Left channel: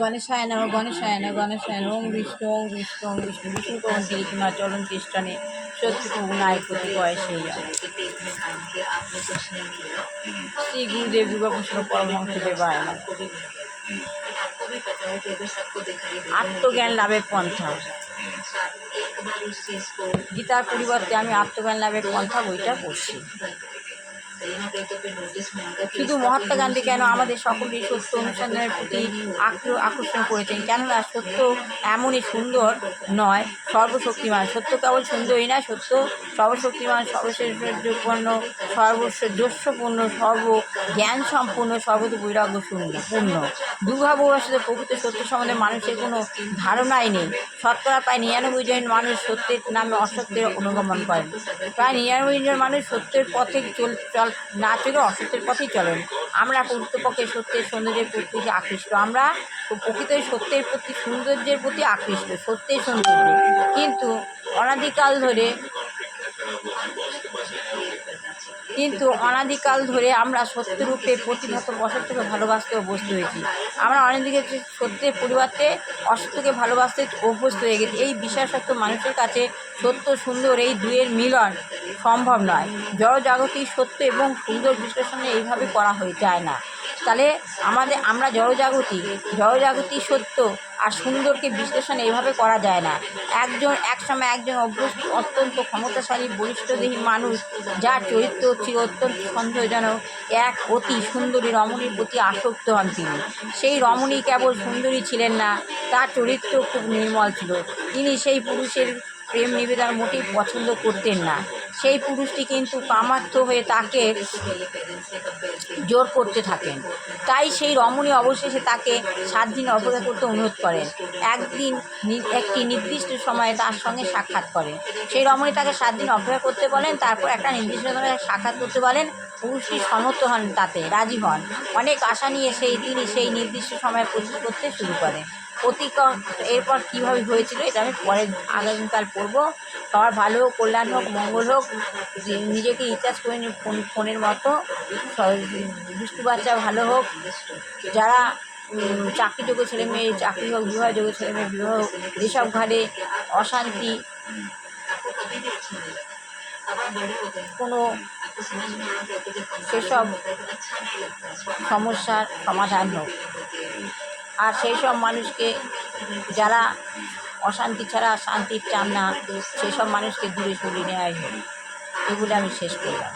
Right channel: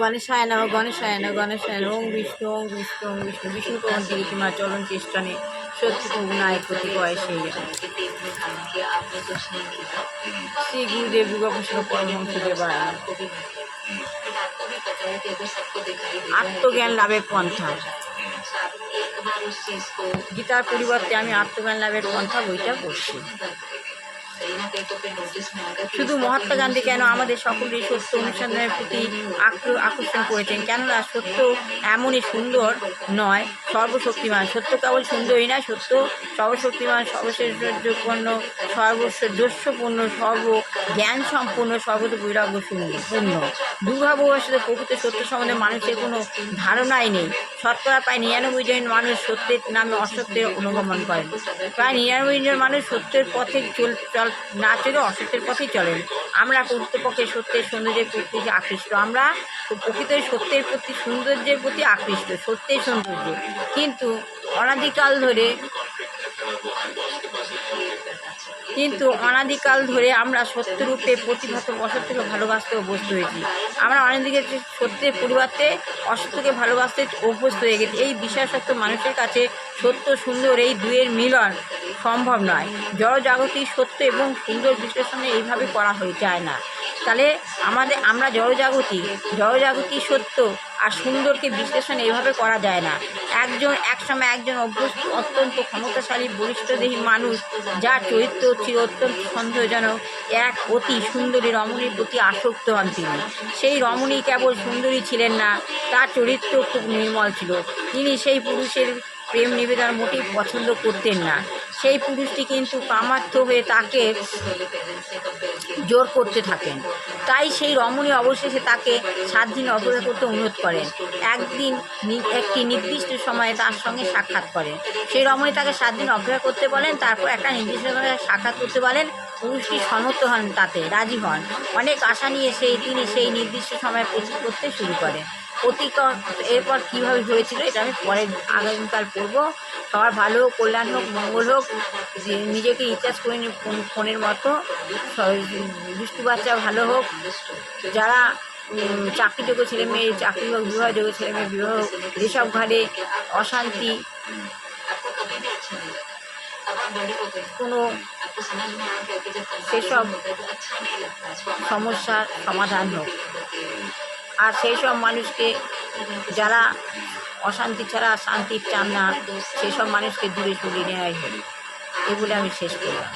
গণেশায় নমঃ গণেশায় নমঃ গণেশায় নমঃ ওম বিষ্ণু ওম বিষ্ণু ওম বিষ্ণু বিষ্ণু কৌন্তিকে তোমার চরণ চেষ্টনে সত্যি গুণায় কতিপয় সেই শ্রী গুরুদেব যুগভূষণ পরমহংস দেবায় আত্মজ্ঞান লাভের পন্থা। গীতার পরিবর্তে আমি আত্মজ্ঞান লাভের পন্থা বইটা পড়ছি। শুধু মহাত্মা গান্ধী কেন আমাদের সকলেই সত্য অনুসন্ধানের প্রতি আকর্ষণ করেছেন, কেননা সত্য এমনই সুন্দর নয়, সর্বশক্তিমান। সত্য কেবল সুন্দরই নয়, সত্য সর্বশক্তিমান, সর্বশ্রেষ্ঠপূর্ণ, সর্বস্বপূর্ণ, সর্বজ্ঞান সম্পূর্ণ, সর্বত বৈরাগ্য পূর্ণ। দুর্ভাগ্যবশত প্রকৃত সত্য সম্বন্ধে মানুষের কোনো ধারণাই নেই। শতকরা প্রায় 99 জন মানুষ সত্যের নামে অসত্যের অনুগমন করেন। প্রায় 99 জন মানুষ সত্যের পথে না চলে অসত্যের পথেই চলেন। আমরা প্রকৃতপক্ষে সত্যের সৌন্দর্যের প্রতি আকৃষ্ট। আমরা প্রকৃত সত্যের প্রতি সৌন্দর্যের প্রতি আকৃষ্ট, সত্যের সৌন্দর্য। কিন্তু অনাদিকাল ধরে আমরা সত্যরূপে প্রতিভাত অসত্যকে ভালোবাসতে অভ্যস্ত হয়েছি। আমরা অনেকদিকে সত্যের পরিবর্তে অসত্যকে ভালোবাসতে অভ্যস্ত হয়ে গেছি। এই বিশ্বাস সত্য মানুষের কাছে সত্য সুন্দর এই দুয়ের মিলন সম্ভব নয়। জড়জাগতিক সত্য এবং সুন্দর বিশ্লেষণে এইভাবে করা হয়ে যায় না। তাহলে আমরা জড়জাগতিক সত্য আর সুন্দরকে বিশ্লেষণ এইভাবে করা যায় না। একসময় একজন অত্যন্ত ক্ষমতাশালী বলিষ্ঠদেহী মানুষ, যার চরিত্র ছিল অত্যন্ত সন্দেহজনক, এক অতি সুন্দরী রমণীর প্রতি আসক্ত হন তিনি। সেই রমণী কেবল সুন্দরী ছিলেন না, তার চরিত্র খুব নির্মল ছিল। তিনি সেই পুরুষের প্রেম নিবেদন মোটেই পছন্দ করতেন না। সেই পুরুষটি কিন্তু কামার্থ হয়ে তাকে জোর করতে থাকেন। তাই সেই রমণী অবশেষে তাকে 7 দিন অপেক্ষা করতে অনুরোধ করেন। একদিন একটি নির্দিষ্ট সময়ে তার সঙ্গে সাক্ষাৎ করেন। সেই রমণী তাকে 7 দিন অপেক্ষা করতে বলেন, তারপর একটা নির্দিষ্ট সময়ে সাক্ষাৎ করতে বলেন। পুরুষটি সম্মত হন, তাতে রাজি হন। অনেক আশা নিয়ে তিনি সেই নির্দিষ্ট সময়ে প্রস্তুত করতে শুরু করেন। এরপর কীভাবে হয়েছিল এটা আমি পরে আগামীকাল পড়বো। সবার ভালো হোক, কল্যাণ হোক, মঙ্গল হোক। নিজেকে রিচার্জ করে নিই ফোনের মতো। দুষ্টু বাচ্চা ভালো হোক। যারা চাকরিযোগ্য ছেলে মেয়ে চাকরি হোক, বিবাহযোগ্য ছেলে মেয়ে বিবাহ হোক। যেসব ঘরে অশান্তি, কোনো সেসব সমস্যার সমাধান হোক। আর সেই সব মানুষকে, যারা অশান্তি ছাড়া শান্তি চান না, সেসব মানুষকে দূরে সরিয়ে নেওয়াই হোক। এগুলো আমি শেষ করলাম।